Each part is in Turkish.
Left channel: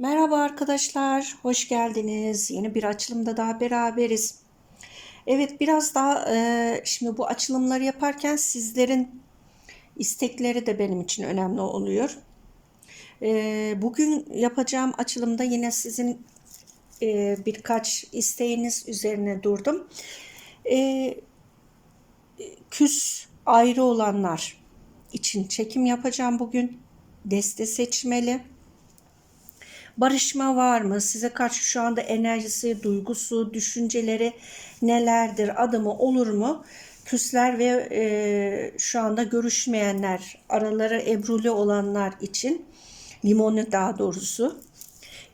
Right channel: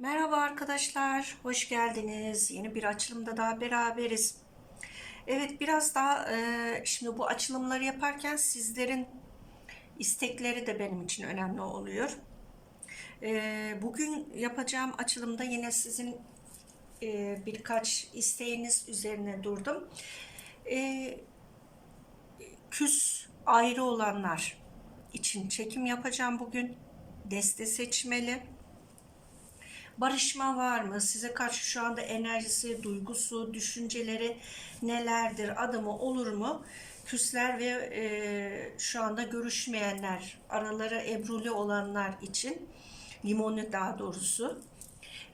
Merhaba arkadaşlar, hoş geldiniz. Yeni bir açılımda daha beraberiz. Evet, biraz daha e, şimdi bu açılımları yaparken sizlerin istekleri de benim için önemli oluyor. E, bugün yapacağım açılımda yine sizin e, birkaç isteğiniz üzerine durdum. E, küs ayrı olanlar için çekim yapacağım bugün. Deste seçmeli. Barışma var mı? Size karşı şu anda enerjisi, duygusu, düşünceleri nelerdir? Adımı olur mu? Küsler ve e, şu anda görüşmeyenler, araları ebruli olanlar için, limoni daha doğrusu,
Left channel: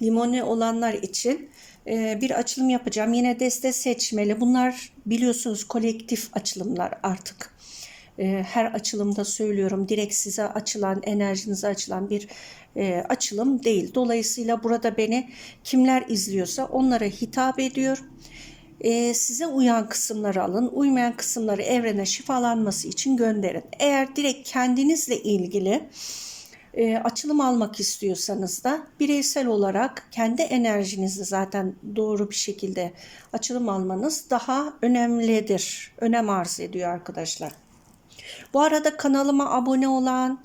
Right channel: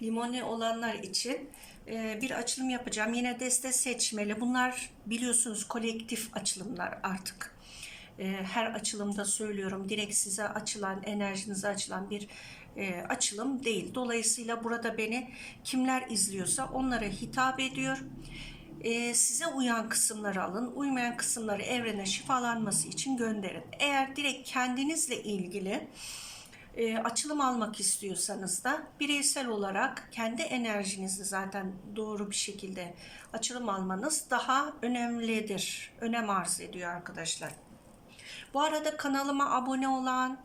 limoni olanlar için e, bir açılım yapacağım. Yine deste seçmeli. Bunlar biliyorsunuz kolektif açılımlar artık her açılımda söylüyorum direkt size açılan enerjinize açılan bir e, açılım değil. Dolayısıyla burada beni kimler izliyorsa onlara hitap ediyor. E, size uyan kısımları alın, uymayan kısımları evrene şifalanması için gönderin. Eğer direkt kendinizle ilgili e, açılım almak istiyorsanız da bireysel olarak kendi enerjinizi zaten doğru bir şekilde açılım almanız daha önemlidir. Önem arz ediyor arkadaşlar. Bu arada kanalıma abone olan,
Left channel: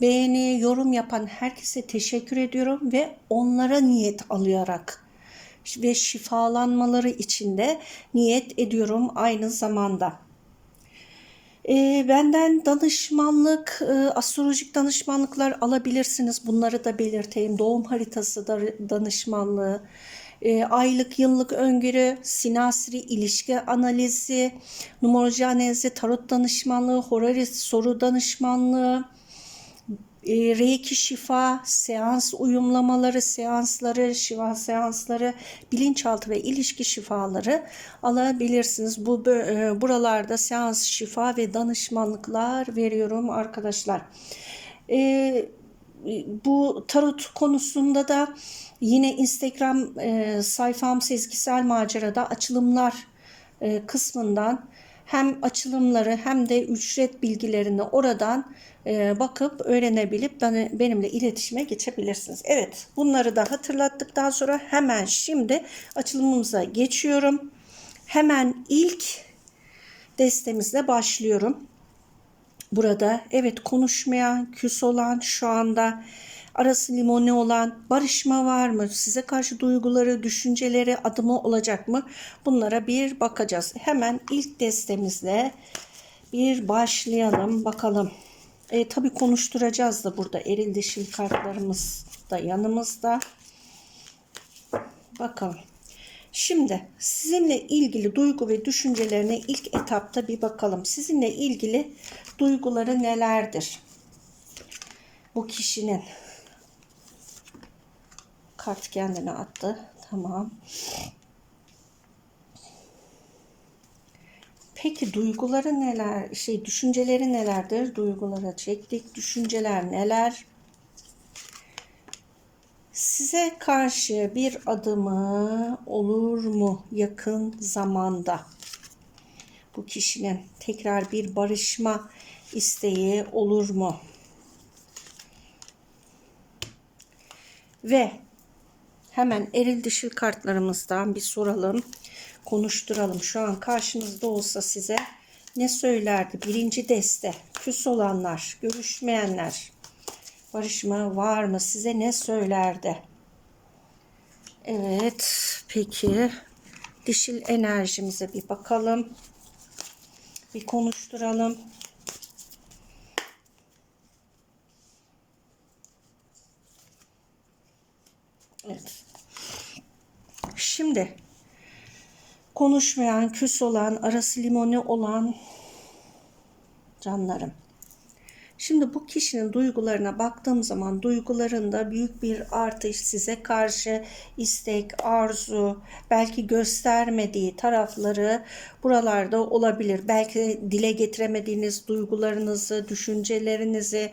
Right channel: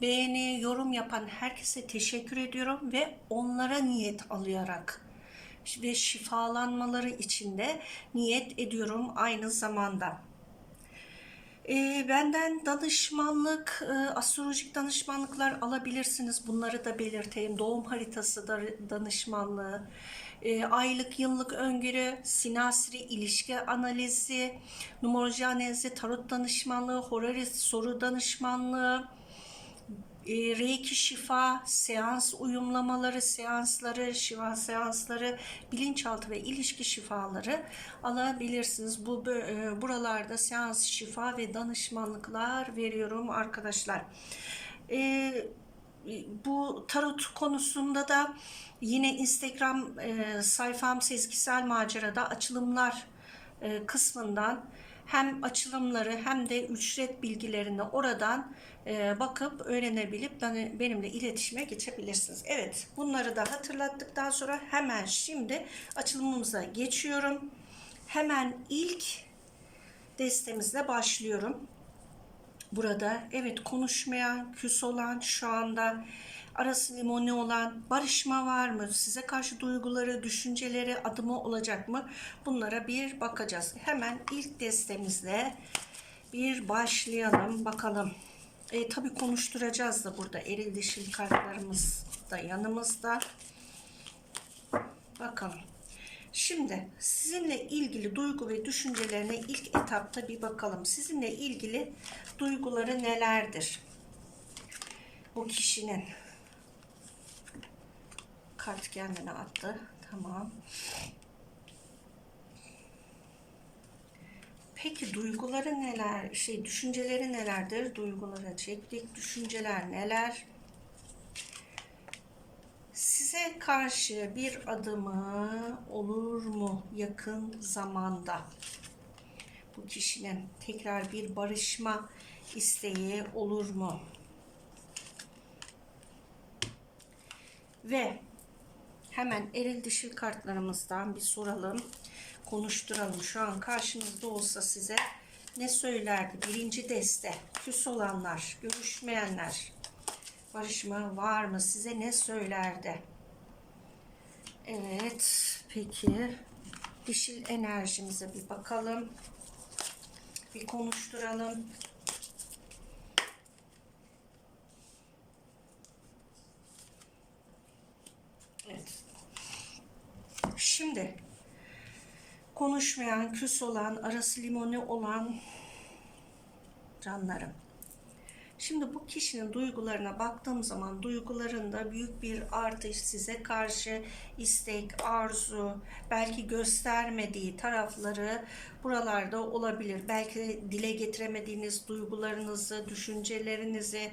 beğeni, yorum yapan herkese teşekkür ediyorum ve onlara niyet alarak ve şifalanmaları için de niyet ediyorum aynı zamanda. E, benden danışmanlık, e, astrolojik danışmanlıklar alabilirsiniz. Bunları da belirteyim. Doğum haritası da danışmanlığı, e, aylık, yıllık öngörü, sinasri ilişki analizi, numeroloji analizi, tarot danışmanlığı, horaris soru danışmanlığı, e, Reiki şifa, seans uyumlamaları, seansları, şifa seansları, bilinçaltı ve ilişki şifaları alabilirsiniz. Bu e, buralarda seans, şifa ve danışmanlıklar veriyorum arkadaşlar. E, bu tarot konusunda da yine Instagram e, sayfam Sezgisel Macera'da açılımlar e, kısmından hem açılımları hem de ücret bilgilerini oradan e, bakıp öğrenebilip benimle iletişime geçebilirsiniz. Evet bunları da hatırlattıktan sonra hemen şimdi açılımımıza geçiyorum. Hemen ilk destemizle başlıyorum. Burada evet konuşmayan, küs olan, şu anda arası limoni olan, barışma var mı? Size karşı duyguları, düşünceleri, adımı olacak mı? Bunlara bir bakacağız. Hemen ilk destemizle bir başlayalım bakalım. E, tabii konuşturacağız da burada eril dişil kartlarımız da yanımızda. Bakalım. Şimdi sizinle ilgili duygu ve düşüncelerine ilk etapta bir bakalım. Sizinle ilgili duyguları nelerdir? Bu kişinin kart kendine attı. Tamam. Peki duyguları neler? Şey düşünceleri nelerdir? Duygulara çektik. Düşünceler neler? Size karşı bir adımı olur mu yakın zamanda? Bu kişinin tekrar bir barışma isteği olur mu? Ve hemen eril dişil kartlarımızdan bir soralım, konuşturalım. Şu an karşınızda olsa size ne söylerdi? Birinci deste, küs olanlar, görüşmeyenler, barışma var mı? Size ne söylerdi? Evet, peki dişil enerjimize bir bakalım. Bir konuşturalım. Evet. Şimdi konuşmayan, küs olan, arası limoni olan canlarım. Şimdi bu kişinin duygularına baktığım zaman duygularında büyük bir artış size karşı istek, arzu, belki göstermediği tarafları buralarda olabilir. Belki dile getiremediğiniz duygularınızı, düşüncelerinizi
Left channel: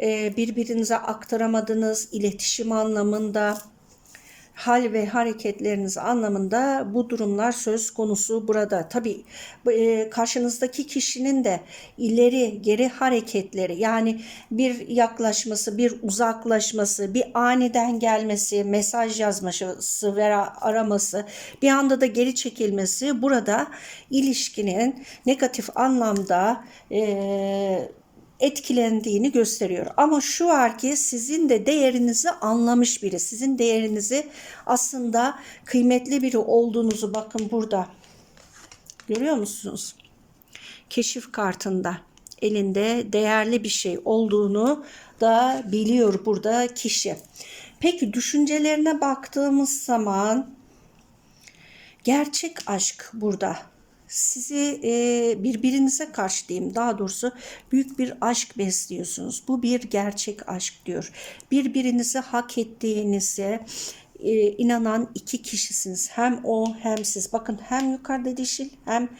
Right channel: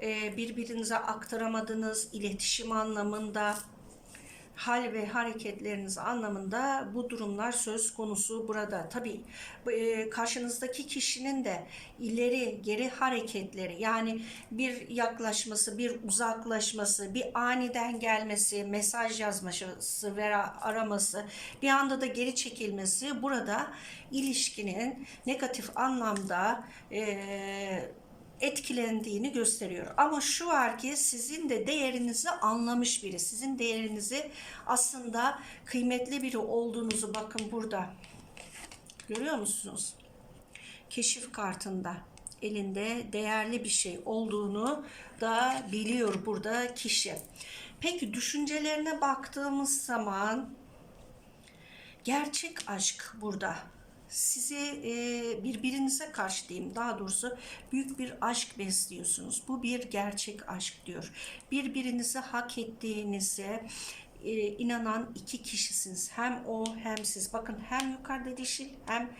e, birbirinize aktaramadığınız iletişim anlamında hal ve hareketleriniz anlamında bu durumlar söz konusu burada. Tabii bu, e, karşınızdaki kişinin de ileri geri hareketleri yani bir yaklaşması, bir uzaklaşması, bir aniden gelmesi, mesaj yazması veya araması, bir anda da geri çekilmesi burada ilişkinin negatif anlamda e, etkilendiğini gösteriyor. Ama şu var ki sizin de değerinizi anlamış biri. Sizin değerinizi aslında kıymetli biri olduğunuzu bakın burada. Görüyor musunuz? Keşif kartında elinde değerli bir şey olduğunu da biliyor burada kişi. Peki düşüncelerine baktığımız zaman gerçek aşk burada sizi e, birbirinize karşı diyeyim daha doğrusu büyük bir aşk besliyorsunuz. Bu bir gerçek aşk diyor. Birbirinizi hak ettiğinize e, inanan iki kişisiniz. Hem o hem siz. Bakın hem yukarıda dişil hem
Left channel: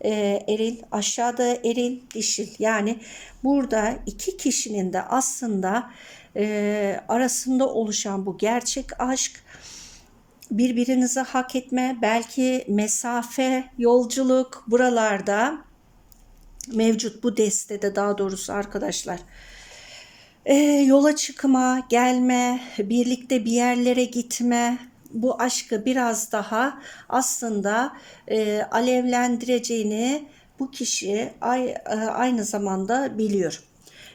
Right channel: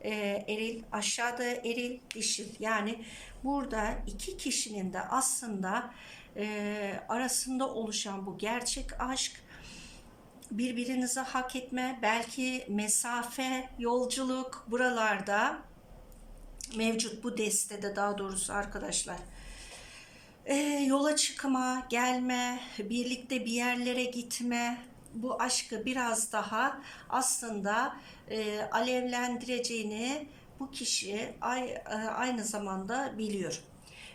e, eril aşağıda eril dişil. Yani burada iki kişinin de aslında e, arasında oluşan bu gerçek aşk birbirinizi hak etme, belki mesafe, yolculuk buralarda mevcut bu destede daha doğrusu arkadaşlar. E, yola çıkma, gelme, birlikte bir yerlere gitme, bu aşkı biraz daha aslında e, alevlendireceğini bu kişi e, aynı zamanda biliyor.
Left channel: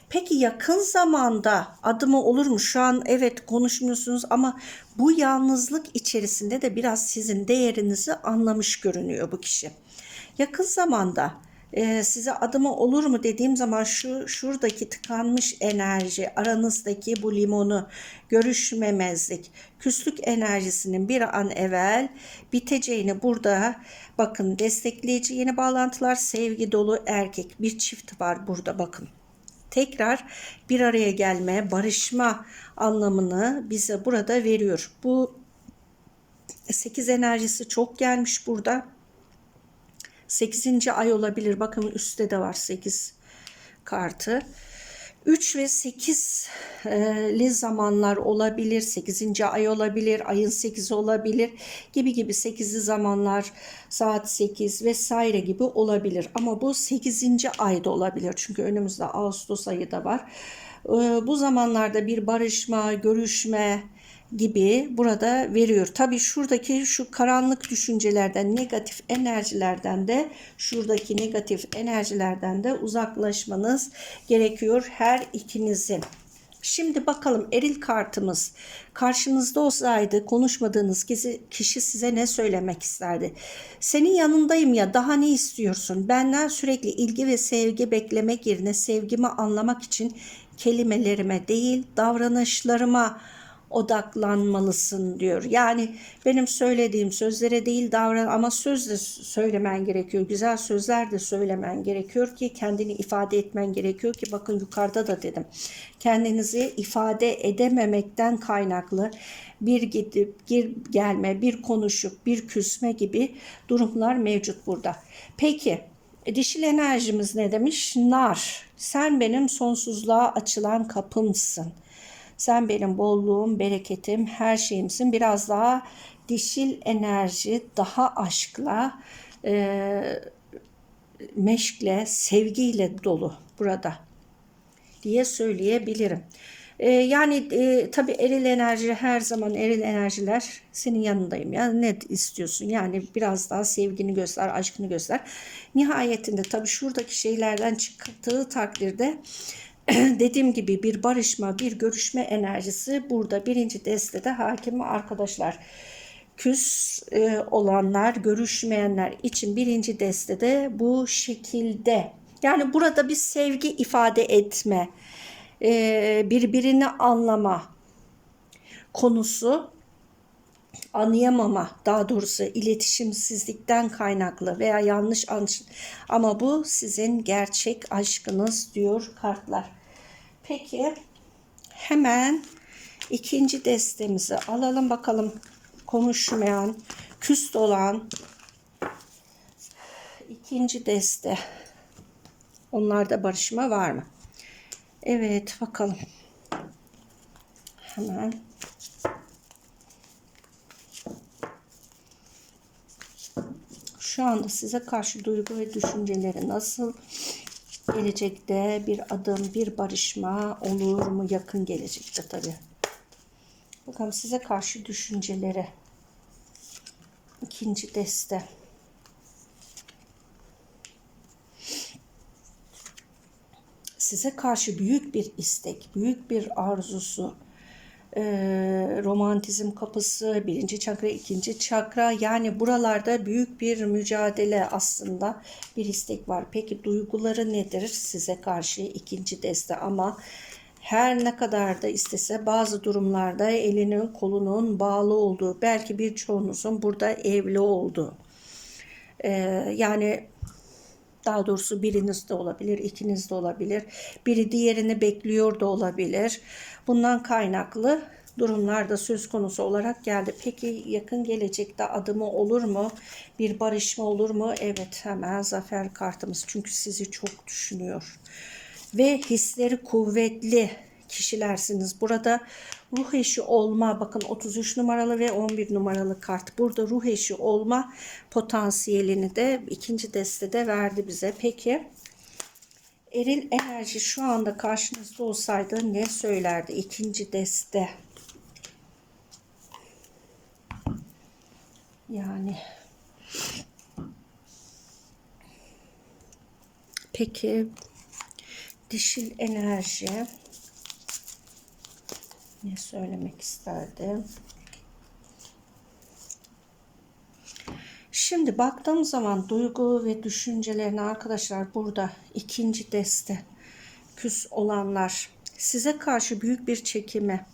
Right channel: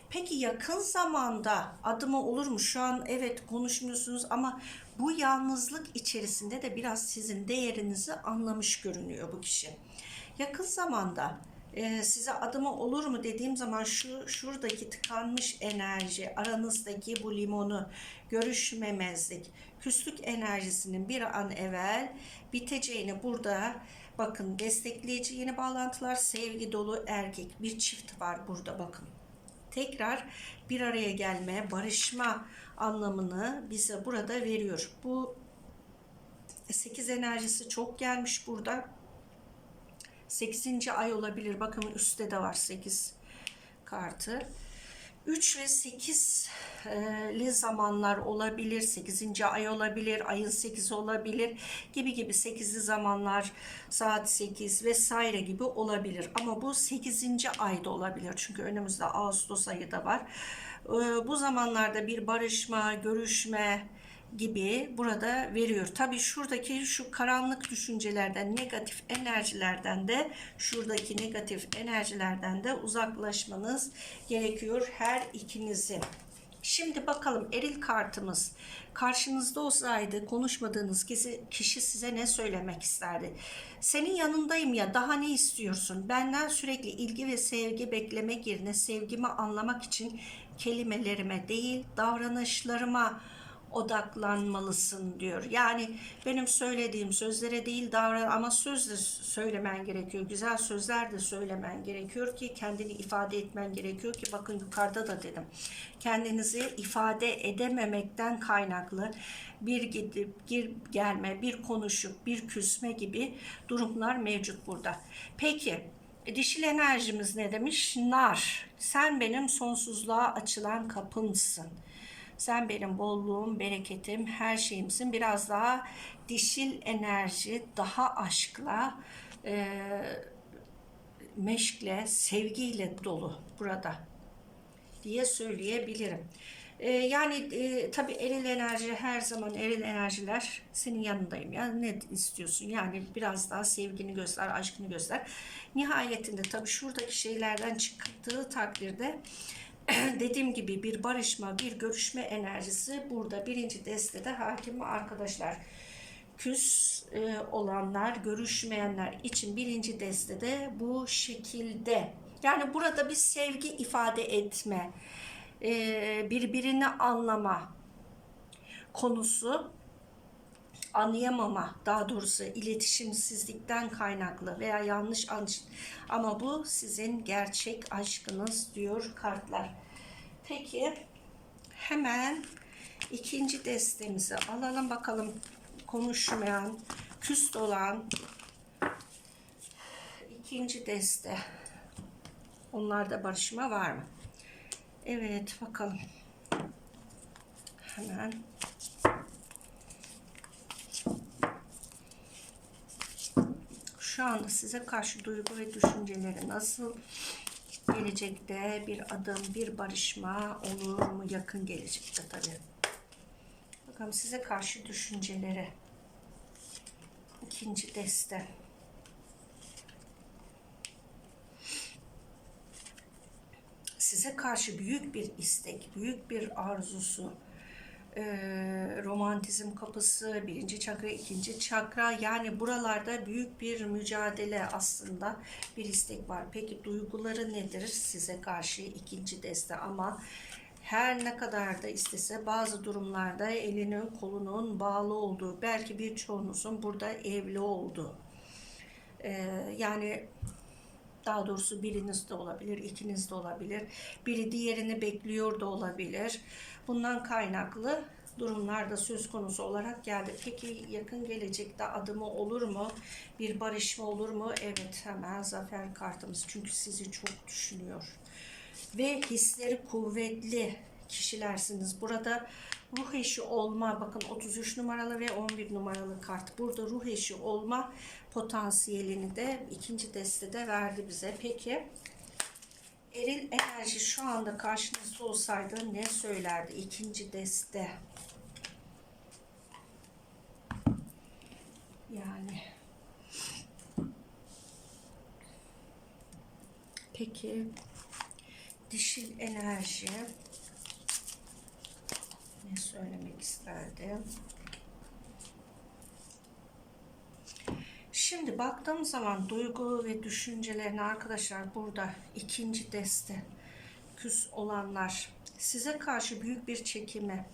Peki yakın zamanda adımı olur mu? Şu an evet konuşmuyorsunuz ama bu yalnızlık içerisinde de biraz sizin değerinizi anlamış görünüyor bu kişi. Yakın zamanda e, size adımı olur mu dediğim zaman şu şuradaki tıkanmış enerji, aranızdaki bu limonu, görüşmemezlik, küslük enerjisinin bir an evvel biteceğini burada bakın destekleyici yeni bağlantılar, sevgi dolu erkek bir çift var burada bakın tekrar bir araya gelme, barışma anlamını bize burada veriyor. Bu 8 enerjisi çok gelmiş burada. 8. ay olabilir. Bakın üstte de var 8 kartı. 3 ve 8'li zamanlar olabilir. 8. ay olabilir. Ayın 8 olabilir. Gibi gibi 8'li zamanlar saat 8 vesaire gibi olabilir. Ama bu 8. ayda olabilir. Çünkü önümüzde Ağustos ayı da var. Bu zamanlarda bir barışma, görüşme, gibi burada veriyor. Tabii şuradaki şu karanlık düşüncelerden, negatif enerjilerden de şuradaki negatif enerjilerden de uzaklaşmanız gerekiyor her ikinizin. Şimdi bakalım eril kartımız karşınızda olsaydı konuşmadığınız kişi size ne söylemek isterdi? Senin yanındayım ya daha ne istiyorsun? Benden sürekli ilgi ve sevgi beklemek yerine sevgimi anlamak için kelimelerime değil davranışlarıma odaklanmalısın diyor. Yani benim söylediğim sözlere değil davran ama söz de söylemen gerekiyor. Güzel sözler de söylemen gerekiyor ki kendini ifade etmen gerekiyor ki bakın yukarıda da dedim. Kendinizi ifade edememekten kaynaklı bir gidip gir gelme, bir konuşup bir küsme gibi durumlar mevcut burada. Peki dişil enerjimiz ne demiş? Nar. Sen benim sonsuzluğa açılan kapımsın. Sen benim bolluğum, bereketim, her şeyimsin. Biraz daha dişil enerji, daha aşkla, e, meşkle, sevgiyle dolu burada diye söyleyebilirim. E, yani e, tabii eril enerji her zaman eril enerjiler senin yanındayım. Ya ne istiyorsun? Yani biraz daha sevgini göster, aşkını göster. Nihayetinde tabii şuradaki şeylerden çıktığı takdirde dediğim gibi bir barışma, bir görüşme enerjisi burada birinci destede hakim arkadaşlar. Küs e, olanlar, görüşmeyenler için birinci destede bu şekilde. Yani burada bir sevgi ifade etme, e, birbirini anlama konusu anlayamama daha doğrusu iletişimsizlikten kaynaklı veya yanlış ama bu sizin gerçek aşkınız diyor kartlar. Peki hemen ikinci destemizi alalım bakalım konuşmayan, küst olan ikinci deste. Onlarda barışma var mı? Evet bakalım. Hemen şu anda size karşı duygu ve düşünceleri nasıl? Gelecekte bir adım, bir barışma olur mu? Yakın gelecekte tabii. Bakalım size karşı düşünceleri. İkinci deste. Size karşı büyük bir istek, büyük bir arzusu, e, romantizm kapısı, birinci çakra, ikinci çakra. Yani buralarda büyük bir mücadele aslında bir istek var. Peki duyguları nedir size karşı ikinci deste ama her ne kadar da istese bazı durumlarda elinin kolunun bağlı olduğu, belki birçoğunuzun burada evli olduğu. E, yani daha doğrusu biriniz de olabilir, ikiniz de olabilir. Biri diğerini bekliyor da olabilir. Bundan kaynaklı durumlar da söz konusu olarak geldi. Peki yakın gelecekte adımı olur mu? Bir barışma olur mu? Evet hemen zafer kartımız. Çünkü sizi çok düşünüyor. Ve hisleri kuvvetli kişilersiniz. Burada ruh eşi olma bakın 33 numaralı ve 11 numaralı kart. Burada ruh eşi olma potansiyelini de ikinci destede verdi bize. Peki eril enerji şu anda karşınızda olsaydı ne söylerdi ikinci deste? Yani peki dişil enerji ne söylemek isterdi? Şimdi baktığım zaman duygu ve düşüncelerini arkadaşlar burada ikinci deste küs olanlar size karşı büyük bir çekimi,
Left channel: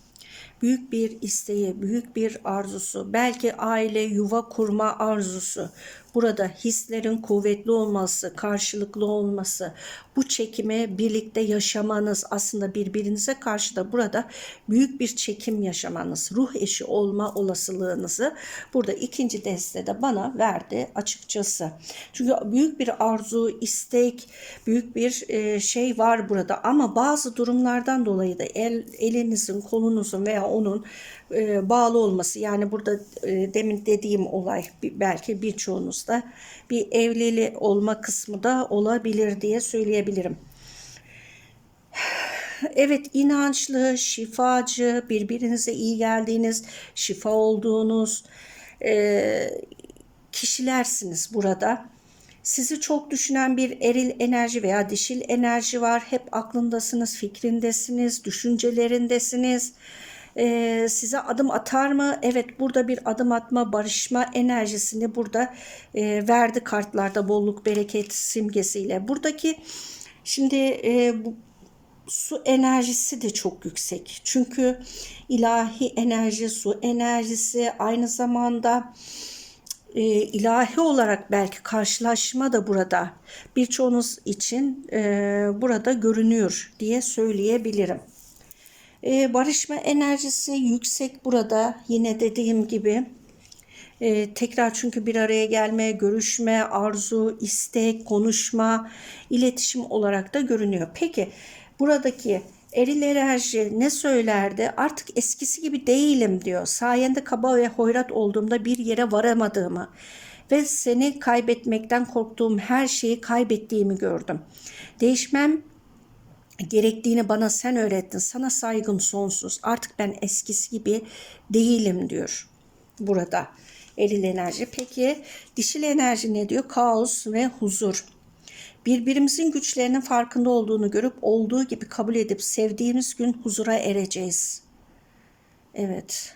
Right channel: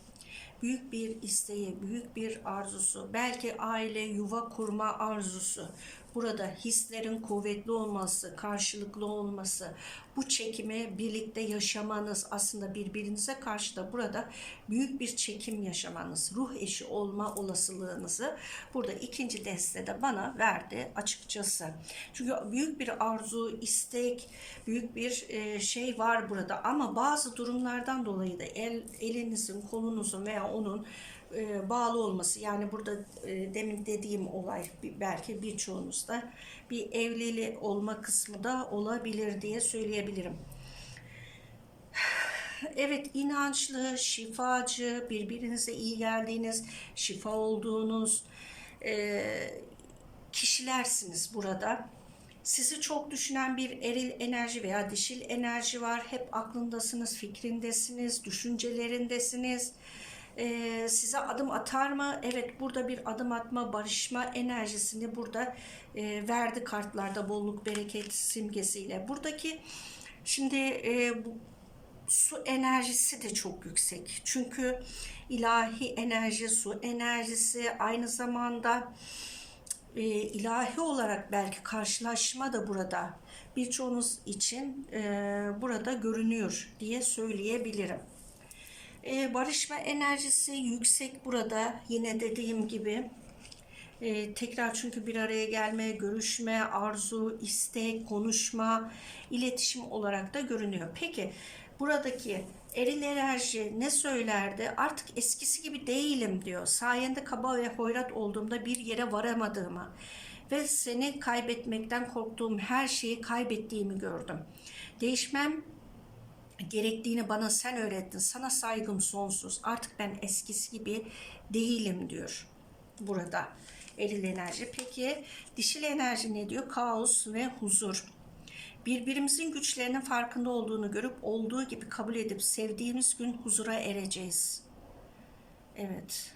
büyük bir isteği, büyük bir arzusu, belki aile, yuva kurma arzusu, burada hislerin kuvvetli olması, karşılıklı olması, bu çekimi birlikte yaşamanız aslında birbirinize karşı da burada büyük bir çekim yaşamanız, ruh eşi olma olasılığınızı burada ikinci destede bana verdi açıkçası. Çünkü büyük bir arzu, istek, büyük bir e, şey var burada ama bazı durumlardan dolayı da el, elinizin, kolunuzun veya onun e, bağlı olması yani burada e, demin dediğim olay belki birçoğunuzda bir evlili olma kısmı da olabilir diye söyleyebilirim. Evet inançlı, şifacı, birbirinize iyi geldiğiniz, şifa olduğunuz e, kişilersiniz burada. Sizi çok düşünen bir eril enerji veya dişil enerji var. Hep aklındasınız, fikrindesiniz, düşüncelerindesiniz e, size adım atar mı? Evet burada bir adım atma, barışma enerjisini burada e, verdi kartlarda bolluk, bereket simgesiyle. Buradaki şimdi e, bu, su enerjisi de çok yüksek. Çünkü ilahi enerji, su enerjisi aynı zamanda e, ilahi olarak belki karşılaşma da burada birçoğunuz için e, burada görünüyor diye söyleyebilirim. Ee, barışma enerjisi yüksek burada. Yine dediğim gibi ee, tekrar çünkü bir araya gelme, görüşme, arzu, istek, konuşma, iletişim olarak da görünüyor. Peki buradaki eril enerji ne söylerdi? Artık eskisi gibi değilim diyor. Sayende kaba ve hoyrat olduğumda bir yere varamadığımı ve seni kaybetmekten korktuğum her şeyi kaybettiğimi gördüm. Değişmem gerektiğini bana sen öğrettin. Sana saygım sonsuz. Artık ben eskisi gibi değilim diyor burada eril enerji. Peki dişil enerji ne diyor? Kaos ve huzur. Birbirimizin güçlerinin farkında olduğunu görüp olduğu gibi kabul edip sevdiğimiz gün huzura ereceğiz. Evet.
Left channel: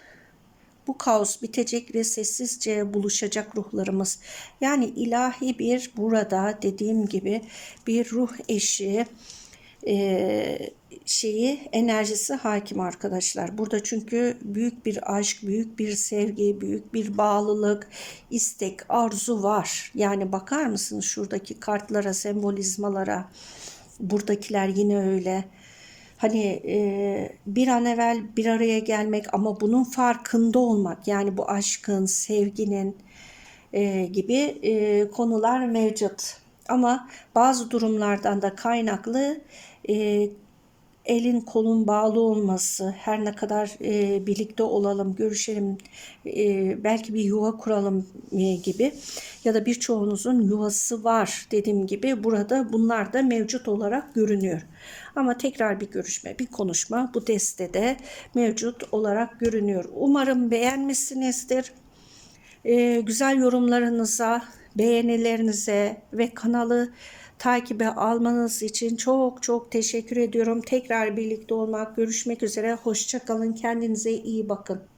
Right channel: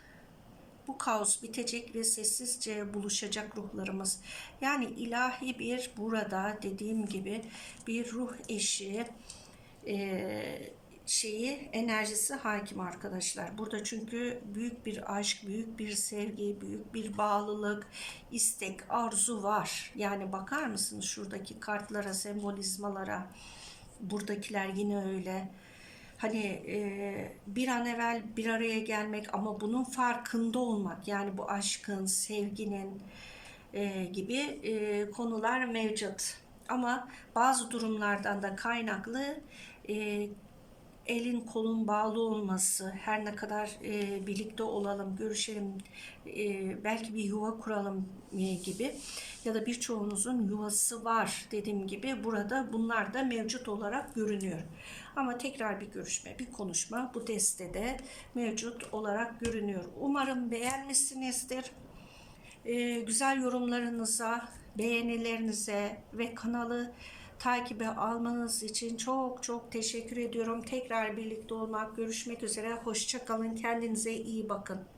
Bu kaos bitecek ve sessizce buluşacak ruhlarımız. Yani ilahi bir burada dediğim gibi bir ruh eşi, e, şeyi enerjisi hakim arkadaşlar. Burada çünkü büyük bir aşk, büyük bir sevgi, büyük bir bağlılık, istek, arzu var. Yani bakar mısınız şuradaki kartlara, sembolizmalara? Buradakiler yine öyle. Hani e, bir an evvel bir araya gelmek ama bunun farkında olmak yani bu aşkın, sevginin e, gibi e, konular mevcut. Ama bazı durumlardan da kaynaklı e, elin kolun bağlı olması, her ne kadar e, birlikte olalım, görüşelim, e, belki bir yuva kuralım e, gibi ya da birçoğunuzun yuvası var dediğim gibi burada bunlar da mevcut olarak görünüyor. Ama tekrar bir görüşme, bir konuşma bu destede mevcut olarak görünüyor. Umarım beğenmişsinizdir. Ee, güzel yorumlarınıza, beğenilerinize ve kanalı takibe almanız için çok çok teşekkür ediyorum. Tekrar birlikte olmak, görüşmek üzere. Hoşçakalın. Kendinize iyi bakın.